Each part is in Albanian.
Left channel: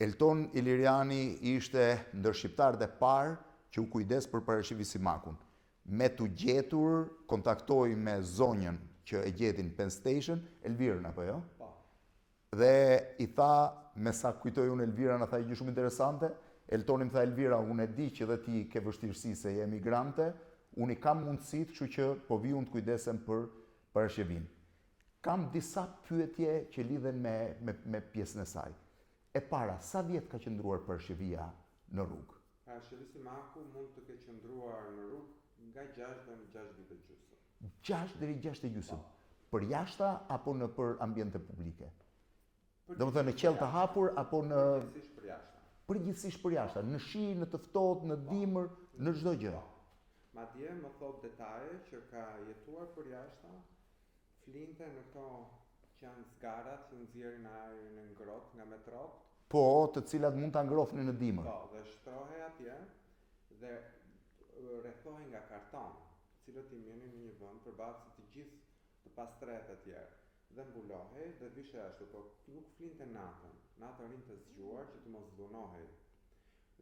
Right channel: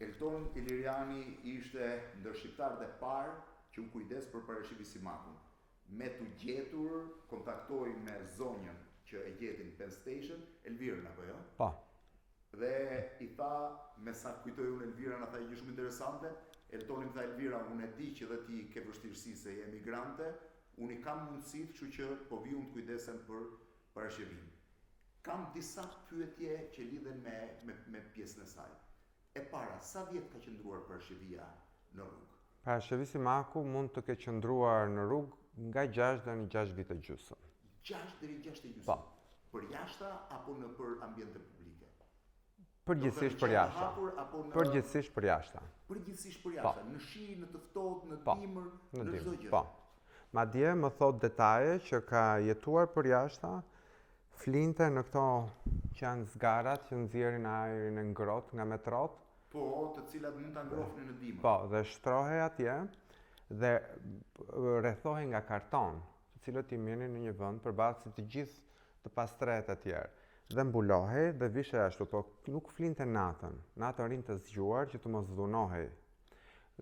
Elton Iliriani ishte ndër shqiptarët e parë që u kujdes për Parashivi Simakun. Me të gjetur, kontaktoi me zonjën që e gjetin Penn Station, Elvirën apo jo? Po. Dhe i tha, me sa kujtoj unë Elvira, në tha i gjë shumë interesante, Eltoni më tha, Elvira, unë e di që dhe ti ke vështirësi se je emigrante, unë i kam mundësit, kështu që po vi unë të kujdesem për Parashivin. Kam disa pyetje që lidhen me pjesën e saj. E para, sa vjetë ka qëndruar Parashivia në rrugë? Parashivi Simaku mund të ke qëndruar në rrugë nga 6 dhe në 6 vite gjysmë. 6 deri 6 e gjysmë? Për jashta apo në për ambiente publike? Përgjithsisht për jashta. Hapur, apo në... Përgjithsisht për jashta. Përgjithsisht për jashta, në shi, në të ftohtë, në dimër, në çdo gjë. Po. Madje më thot detaje që ka jetuar për jashta, flinte në këto që janë zgarat që nxjerrin ajrin e ngrohtë nga metrot. Po, të cilat mund ta ngrohnin në dimër. Po, dhe shtrohej atje dhe rrethohej nga karton, të cilët i mirnin në një vend përballë të gjithë të pastret e tjerë. Dhe mbulohej dhe vishej ashtu, po nuk flinte natën. Natën rinte zgjuar që të mos dhunohej.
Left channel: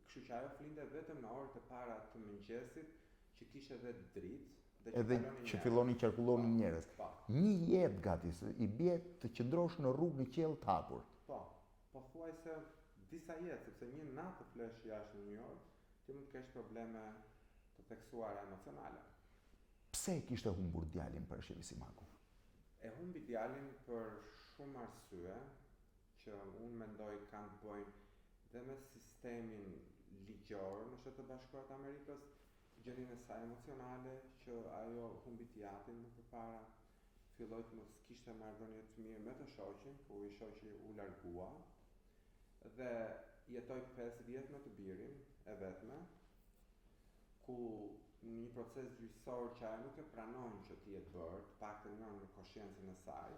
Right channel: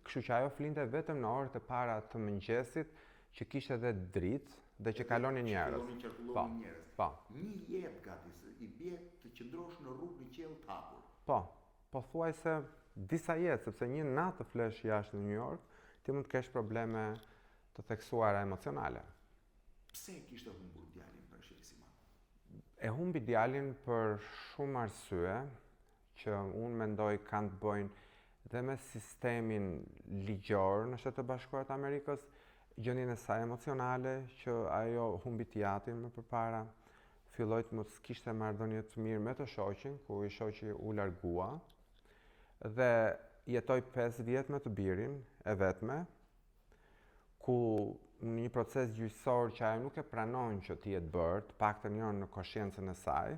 Kështu që ajo flinte vetëm në orët e para të mëngjesit, që kishte edhe dritë dhe që kalonin njerëz. Që fillonin qarkullonin njerëz. Po. Një jetë gati, i bie të qëndrosh në rrugë në qiell të hapur. Po, pothuajse disa jetë, sepse një natë të flesh jashtë në New York, ti mund të kesh probleme të theksuara emocionale. Pse kishte humbur djalin Parashivi Simaku? E humbi djalin për shumë arsye që unë mendoj kanë të bëjnë dhe me sistemin ligjor në Shtetet e Bashkuara të Amerikës, gjendjen e saj emocionale që ajo humbi teatrin më përpara, filloi të mos kishte marrëdhënie të mirë me të shoqin, ku i shoqi u largua dhe jetoi 5 vjet me të birin e vetme, ku në një proces gjyqësor që ajo nuk e pranon që t'i jetë bërë, të paktën jo në koshiencën e saj,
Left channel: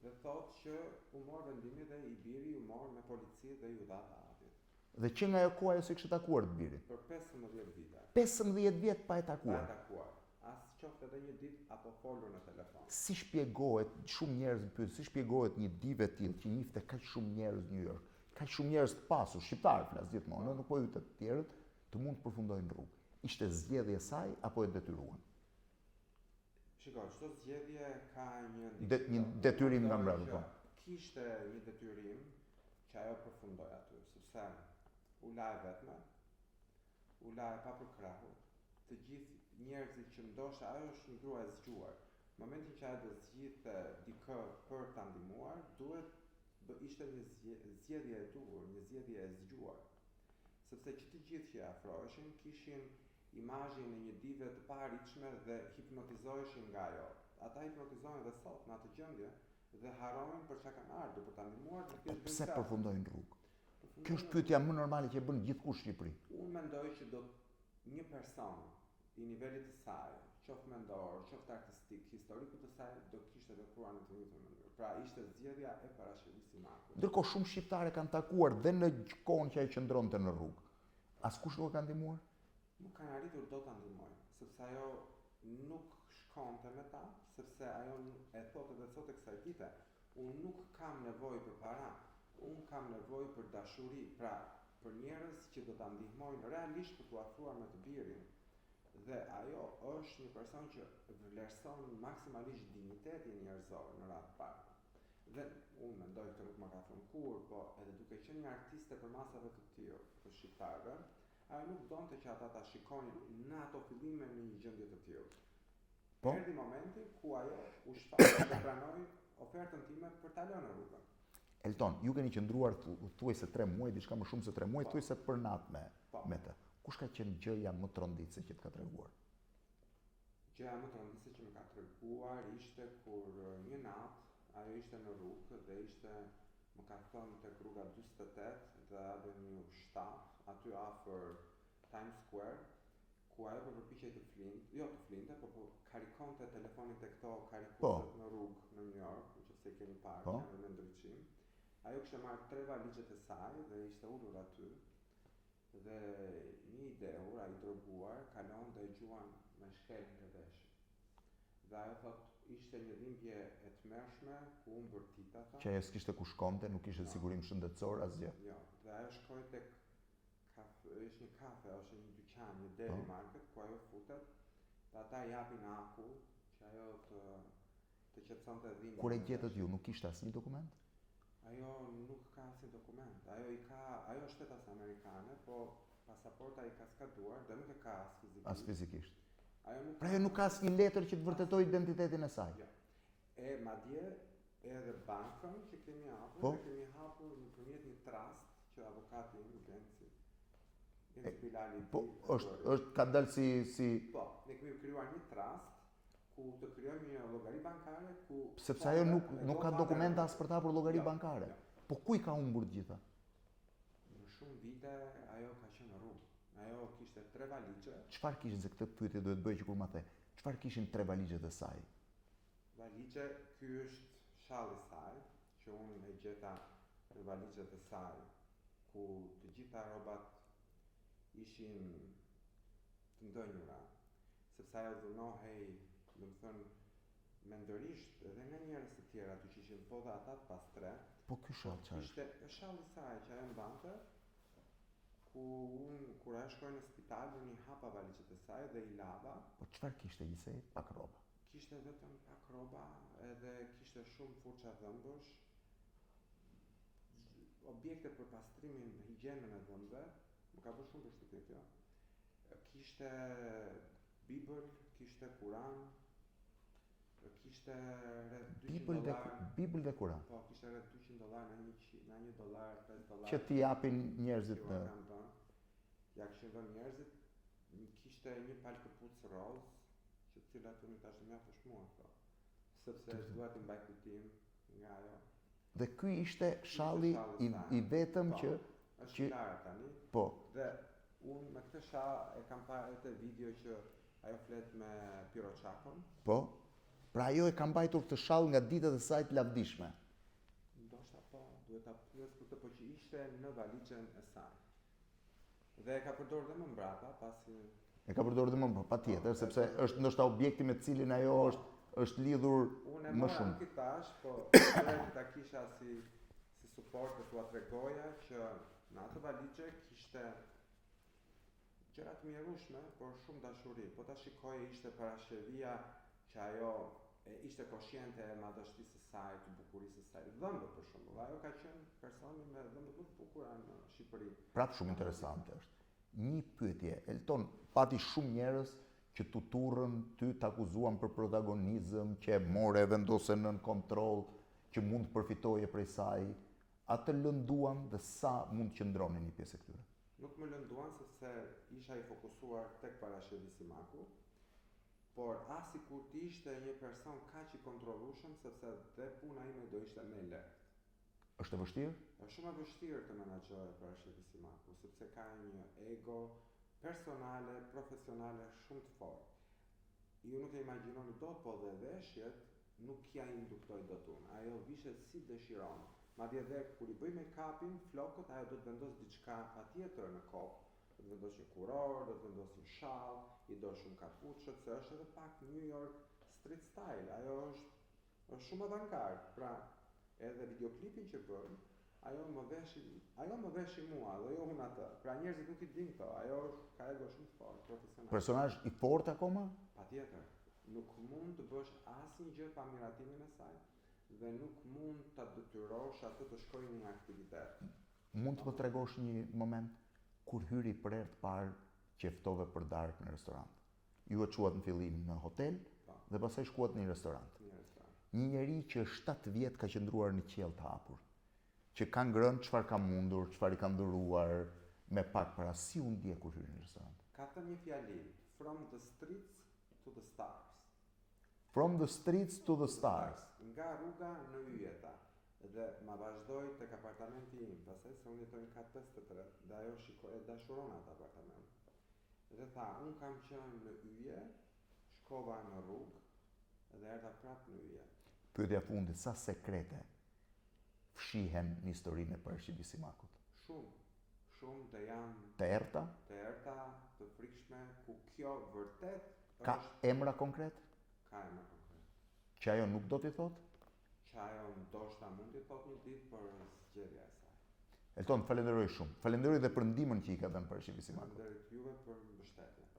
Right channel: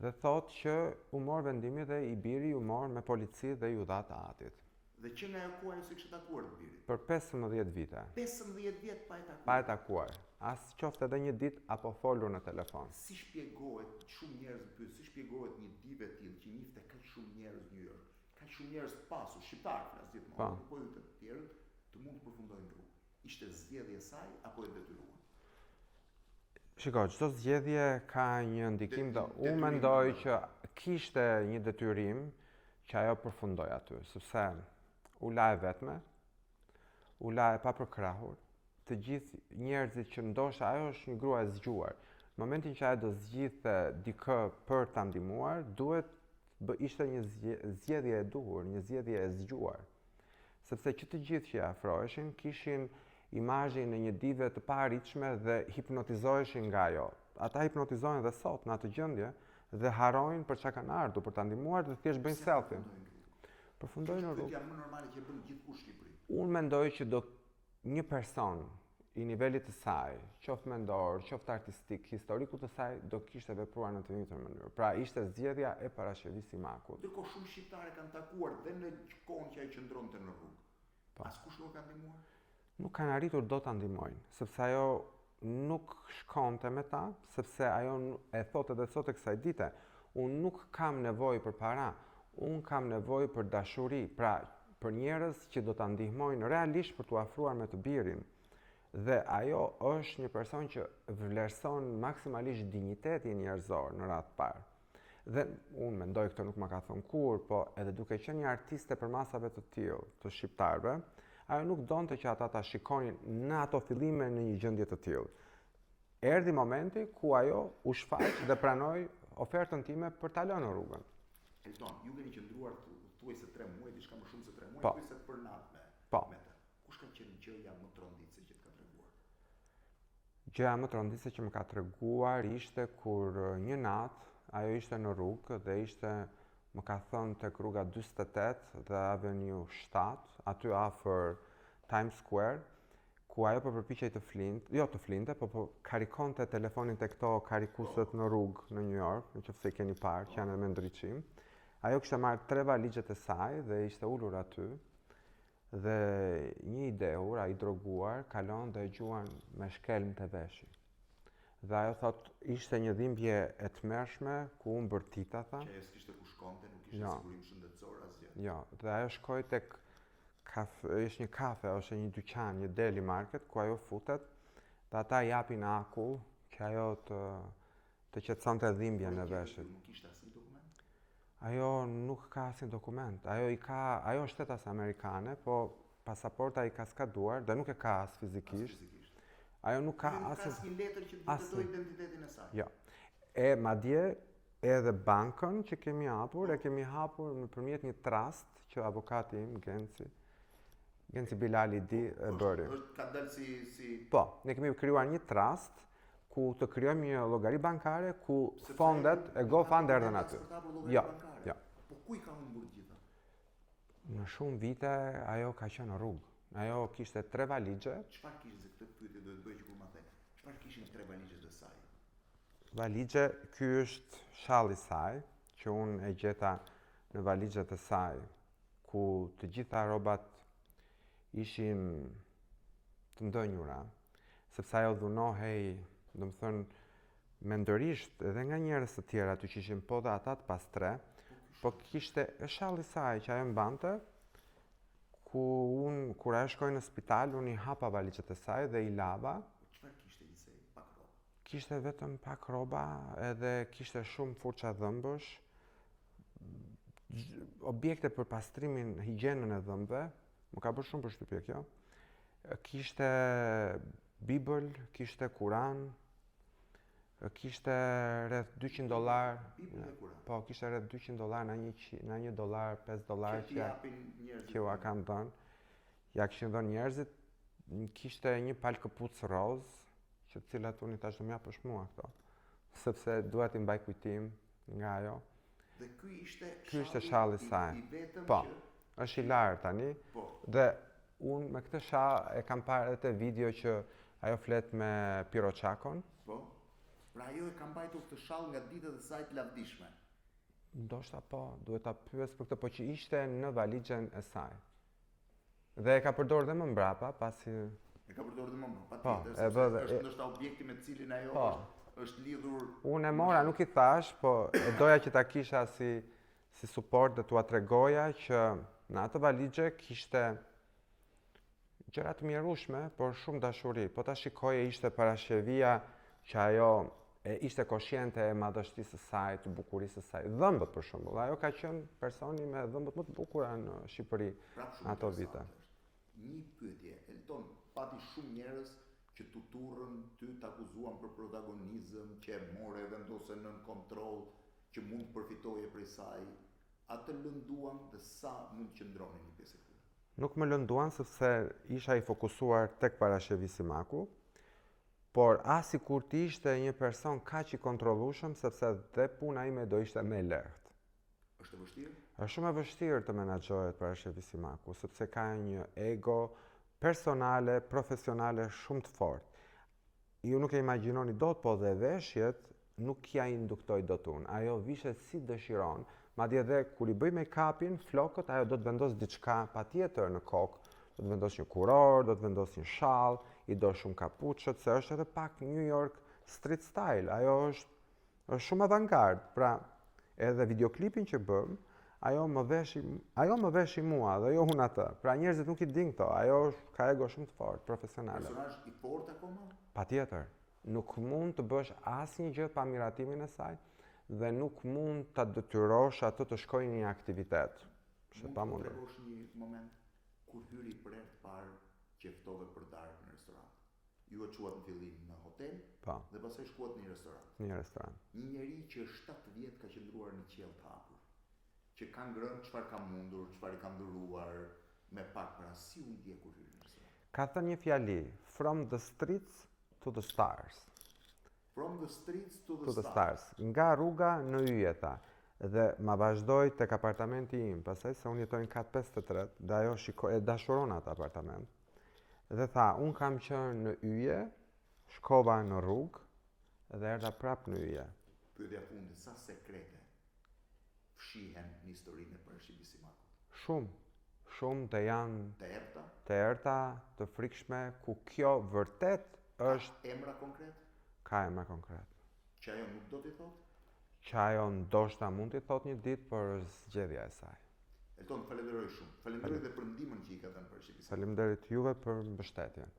dhe thotë që u mor vendimi dhe i biri u mor me polici dhe ju dha të atit. Dhe që nga ajo kohë ajo se kishte takuar të birin? Për 15 vite. 15 vjet pa e takuar? Pa e takuar. As qofte edhe një ditë apo folur në telefon. Si shpjegohet, shumë njerëz më pyet, si shpjegohet një divë e tillë që njihte kaq shumë njerëz në New York, kaq shumë njerëz të pasur, shqiptarë flas gjithmonë, nuk po ju të tjerët, të mund të përfundojnë rrugë. Ishte zgjedhje e saj apo e detyruan? Shiko, çdo zgjedhje ka një ndikim dhe unë mendoj që kishte një detyrim që ajo përfundoi aty, sepse u la e vetme, u la e papërkrahur, të gjithë njerëzit që ndoshta ajo është një grua e zgjuar. Në momentin që ajo do zgjidhte dikë për ta ndihmuar, duhet ishte një zgjedhje e duhur, një zgjedhje e zgjuar. Sepse që të gjithë që afroheshin kishin imazhin e një dive të paarritshme dhe hipnotizoheshin nga ajo. Ata hipnotizohen dhe sot në atë gjendje dhe harrojnë për çka kanë ardhur, për ta ndihmuar dhe thjesht bëjnë selfie. Përfundojnë rrugë. Kjo është pyetja më normale që e bën gjithkush në Shqipëri. Unë mendoj që një person i nivelit të saj, qoftë mendor, qoftë artistik, historiku të saj, do kishte vepruar në të njëjtën mënyrë. Pra ishte zgjedhja e Parashivit Simakut. Ndërkohë shumë shqiptarë kanë takuar dhe në kohën që ai qëndronte në rrugë. Askush nuk e ka ndihmuar? Nuk kanë arritur do ta ndihmojnë, sepse ajo nuk shkonte me ta, sepse ajo e thotë edhe sot e kësaj dite, unë nuk kam nevojë për para, unë kam nevojë për dashuri, pra për njerëz që do ta ndihmojnë realisht për t'u afruar me të birin. Dhe ajo është një person që vlerëson maksimalisht dinjitetin njerëzor në radhë parë. Dhe unë mendoj këtë nuk më ka thënë kur, po edhe duke qenë një artiste për masave të tillë, të shqiptarëve, ajo nuk donte që ata ta shikonin në ato fillime në një gjendje të tillë. Erdhi momenti ku ajo u shfaq dhe pranoi ofertën time për ta lënë rrugën. Elton, ju keni qëndruar thuajse 3 muaj, diçka më shumë se 3 muaj, thuajse për natë me të. Kush ka qenë gjëja më tronditëse që të ka treguar? Gjëja më tronditëse që më ka treguar ishte kur një natë ajo ishte në rrugë dhe ishte, më ka thënë, tek rruga 48 dhe Avenue 7, aty afër Times Square, ku ajo po përpiqej të flinte, po karikonte telefonin te këto karikusët në rrugë në New York, nëse i keni parë, që janë me ndriçim. Ajo kishte marrë 3 valizhet e saj dhe ishte ulur aty. Dhe një i dehur, ai droguar, kalon dhe e gjuan me shkelën të veshit. Dhe ajo thot, ishte një dhimbje e tmerrshme ku unë bërtita, tha. Që ajo s'kishte ku shkonte, nuk kishte sigurim shëndetësor, asgjë. Jo, dhe ajo shkoi tek ishte një kafe ose një dyqan, një deli market, ku ajo futet, dhe ata japin akull që ajo të qetësonte dhimbjen e veshit. Ju nuk kishte asnjë dokument? Ajo nuk ka asnjë dokument. Ajo është shtetas amerikane, po pasaporta i ka skaduar dhe nuk e ka as fizikisht. As fizikisht. Ajo nuk ka asnjë letër që të vërtetojë identitetin e saj. Jo. E madje edhe bankën që kemi hapur, e kemi hapur nëpërmjet një trust që avokati im Genci Bilali bëri. Ka dalë si... Po, ne kemi krijuar një trust ku të krijojmë një llogari bankare ku fondet e GoFund erdhën aty. Për ta hapur llogari bankare. Jo. Po ku i ka humbur të gjitha? Në shumë vite ajo ka qenë në rrugë. Ajo kishte 3 valixhe. Çfarë kishin, se këtë pyetje duhet bëj që kur ma the. Çfarë kishin 3 valixhet e saj? Valixhe, ky është shalli i saj, që unë e gjeta në valixhet e saj, ku të gjitha rrobat ishin të ndënjura, sepse ajo dhunohej, domethënë mendërisht edhe nga njerëz të tjerë aty që ishin po dhe ata të pas 3, po kishte shalli i saj që ajo mbante, ku unë kur ajo shkoi në spital, unë i hapa valixhet e saj dhe i lava. Po çfarë kishte gjithsej? Pak rroba. Kishte vetëm pak rroba, edhe kishte shumë furça dhëmbësh, objekte për pastrimin, higjienën e dhëmbëve, më ka bërë shumë përshtypje kjo. Kishte Bibël, kishte Kuran, kishte rreth $200. Bibël dhe Kuran. Po, kishte rreth $200 na $1, $5 që t'i japin njerëzit. Që ua kam dhënë. Ja kishin dhënë njerëzit. Kishte një palë këpucë roz, që të cilat unë tash do m'japësh mua këto, sepse dua t'i mbaj kujtim nga ajo. Dhe ky ishte shalli i vetëm që është i larë tani. Po. Dhe unë me këtë shall e kam parë edhe te video që ajo flet me Piroçakon. Po. Pra ajo e ka mbajtur këtë shall nga ditët e saj të lavdishme. Ndoshta po, duhet ta pyes për këtë, po që ishte në valixhen e saj. Dhe e ka përdorur dhe më mbrapa, pasi e ka përdorur dhe më mbrapa, patjetër, sepse është ndoshta objekti me cilin ajo është lidhur. Unë e mora, nuk i thash, po e doja që ta kisha si suport dhe t'ua tregoja që në atë valixhe kishte gjëra të mjerueshme, por shumë dashuri. Po ta shikoje, ishte parashevia që ajo ishte koshjente e madhështisë së saj, të bukurisë së saj. Dhëmbët për shembull, ajo ka qenë personi me dhëmbët më të bukura në Shqipëri. Prapë shumë interesante është. Një pyetje, Elton, pati shumë njerëz që t'u turrën, ty t'akuzuan për protagonizëm, që e more vendose nën kontroll, që mund të përfitoje prej saj. Atë lënduan dhe sa mund të qëndronin një pjesë e këtyre? Nuk më lënduan sepse isha i fokusuar tek Parashevi Simaku, por as kur ti ishte një person kaq i kontrollueshëm, sepse dhe puna ime do ishte më e lehtë. Është e vështirë? Është shumë e vështirë të menaxhohet Parashevi Simaku, sepse ka një ego personale, profesionale shumë të fortë. Ju nuk e imagjinoni dot, po dhe veshjet nuk ja induktoi dot unë. Ajo vishet si dëshiron. Madje edhe kur i bëj make-upin, flokët, ajo do të vendos diçka patjetër në kokë. Do të vendos një kuror, do të vendos një shall, i do shumë kapuçët, se është edhe pak New York street style. Ajo është shumë avantgard. Pra, edhe videoklipin që bëm, ajo më veshi mua dhe jo unë atë. Pra njerëzit nuk i din këto. Ajo ka ego shumë të fortë, profesionale. Personazh i fortë akoma? Patjetër. Nuk mund të bësh asnjë gjë pa miratimin e saj dhe nuk mund ta detyrosh atë të shkojë në një aktivitet. Mund të më tregosh një moment kur hyri për herë të parë që ftove për darkë në restorant? Ju e quat në fillim në hotel dhe pastaj shkuat në një restorant. Një njeri që 7 vjet ka qëndruar në qiell të hapur, që ka ngrënë çfarë ka mundur, çfarë i ka nduruar, me pak para, si u ndje kur hyri në restorant? Ka thënë një fjali, from the streets to the stars. From the streets to the stars. Nga rruga në yje, tha. Dhe ma vazhdoj tek apartamenti im, pastaj se unë jetoj në kat 53 dhe ajo e dashuron atë apartament. Dhe tha, unë kam qenë në yje, shkova në rrugë dhe erdha prapë në yje. Pyetja fundit, sa sekrete fshihen në historinë e Parashevit Simakut? Shumë dhe janë të errta, të frikshme, ku kjo vërtet është... Ka emra konkret? ka emra konkret. Që ajo nuk do t'i thotë? Që ajo ndoshta mund t'i thotë një ditë, por zgjedhja e saj. Elton, falenderoj shumë. Falenderoj dhe për ndihmën që i ka dhënë parashikimit. Faleminderit juve për mbështetjen.